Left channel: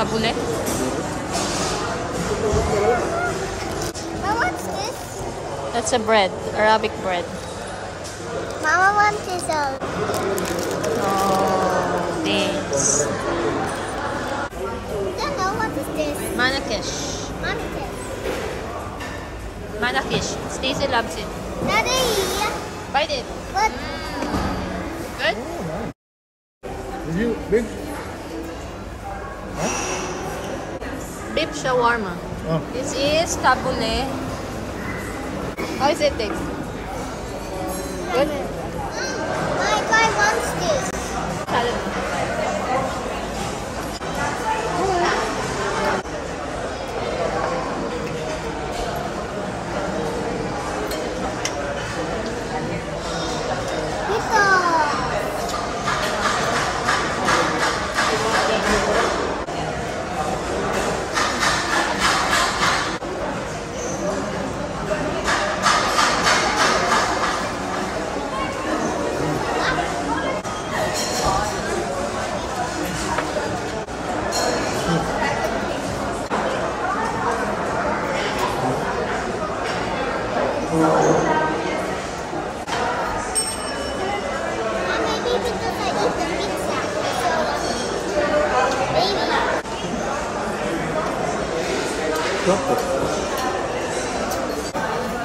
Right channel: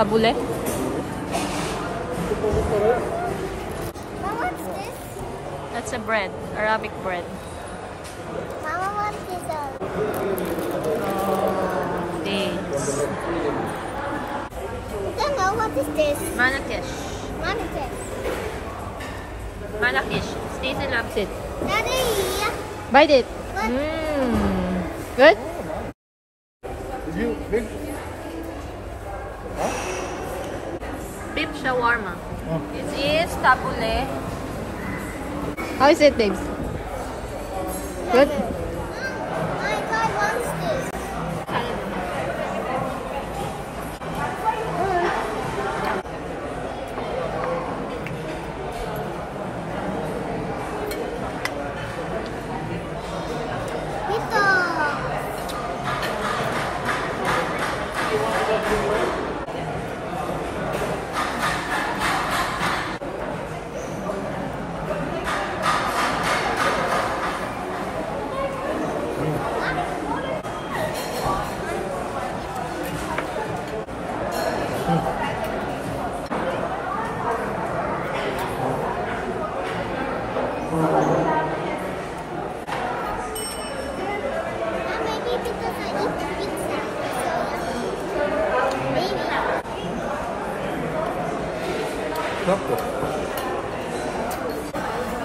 Tabule. What's this? That's a bread. Arabic bread. Mama wants this. Oh, this. I don't know what is this. Manakish. Manakish. Stacy loves it. Daddy. Bite it. What? Good? Is you big? Beef shawarma. Oh. This is tabule. How is it taste? Good? My wants this. Salad.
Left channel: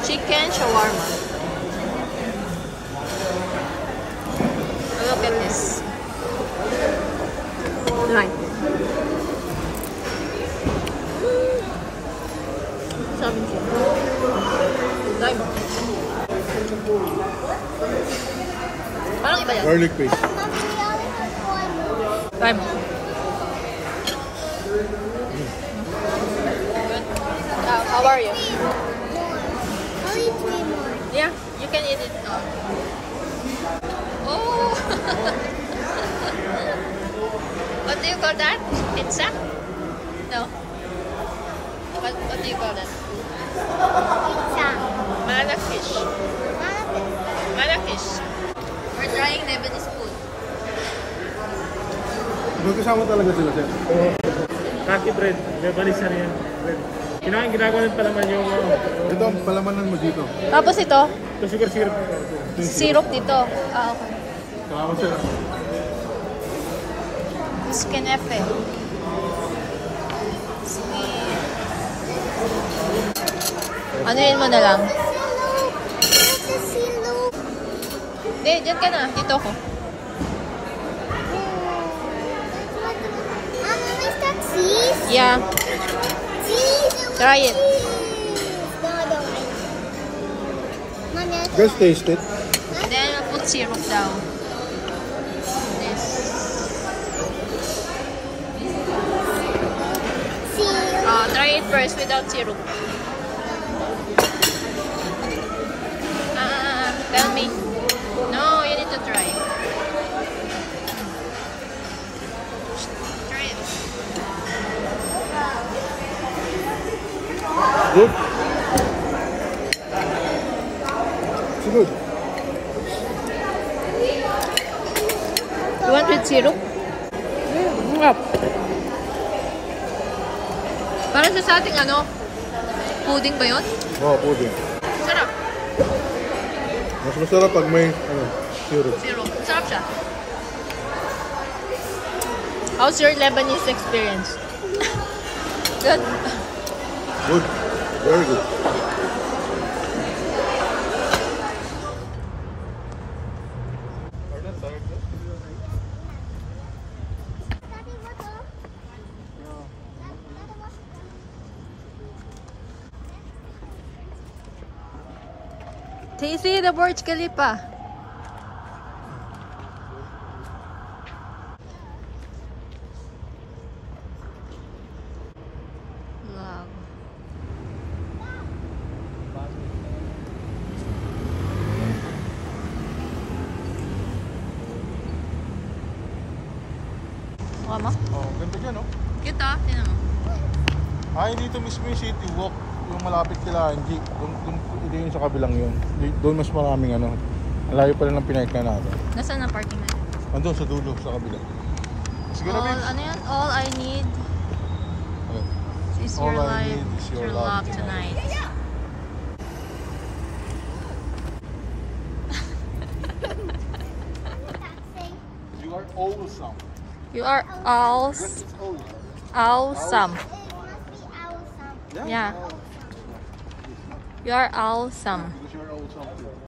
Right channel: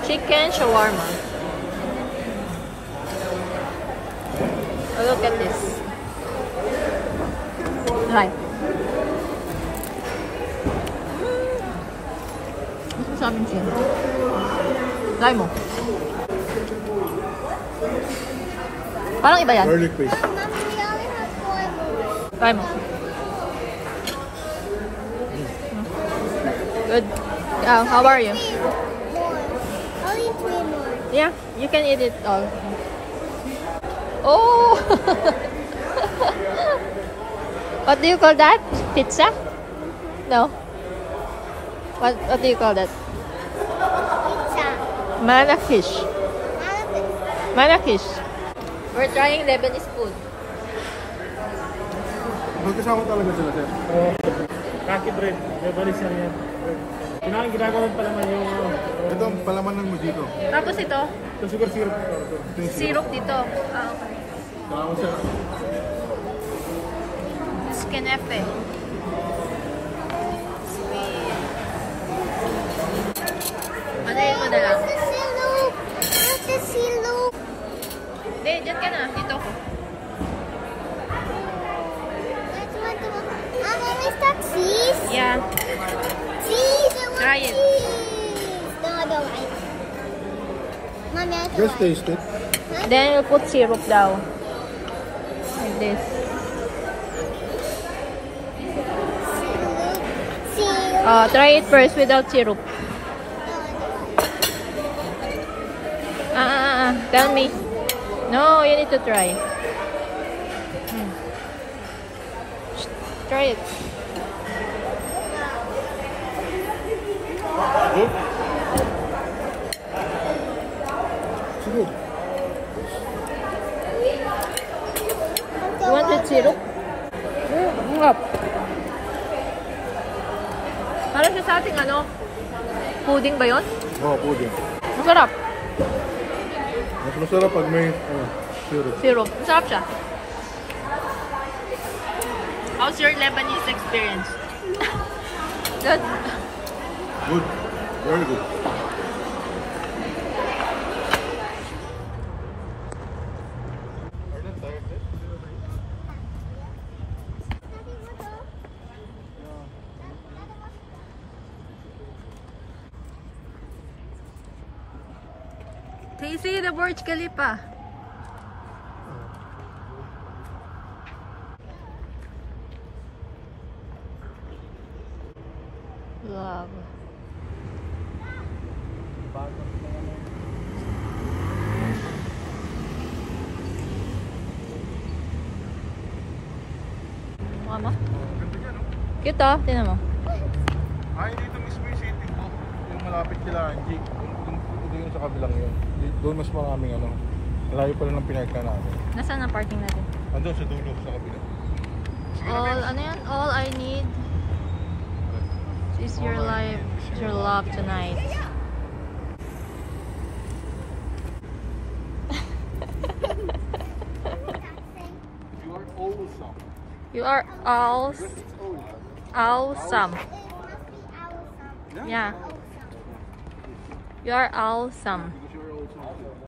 Chicken shawarma. Oh, look at this. Right. Try mo. Parang iba yan. Garlic paste. Try mo. Good. How are you? I'll eat 3 more. Yeah, you can eat it all. Oh! What do you call that? Pizza? No. What do you call that? Pizza. Manakish. Manakish. We're trying Lebanese food. Magkasama talaga sila, sir. Kaki bread. Lebanese na rin yan. Ginagawa ng palaman yung... Ito ang palamanan mo dito. Tapos ito, Ito sugar syrup. syrup dito. Ah, okay. Salamat, sir. Skenefe. Ano yun mo na lang? Hindi, dyan ka na. Dito ako. Mama, is that cheese? Yeah. Cheese. Try it. No, I don't like it. Mama, Just taste it. Then we'll put syrup daw. This. cheese. Try it first without syrup. Tell me. No, you need to try. Try it. Good? It's good. You want with syrup? Sarap. Para siya sa ating ano? Pudding ba yun? Oo, pudding. Masarap. Mas masarap pag may, syrup. Syrup. Masarap siya. How's your Lebanese experience? Good. Good. Very good. Are not tired yet? Tasty the Burj Khalifa. Wow. Mukha mo? Oh, ganda niya, no? Kita, tinan mo. Ay, dito mismo yung City Walk. Yung malapit kila Angie. Hindi yun sa kabilang yun. Doon mas maraming ano. Malayo pa rin ang pinaka na. Nasaan ang parking natin? Nandun sa dulo, sa kabila. Sige, All, ano yan? All I need It's your life, your love tonight. You are awesome. You are all Yes, it's awesome. awesome. It must be awesome. Yeah. Awesome. You are awesome. Because you are awesome too.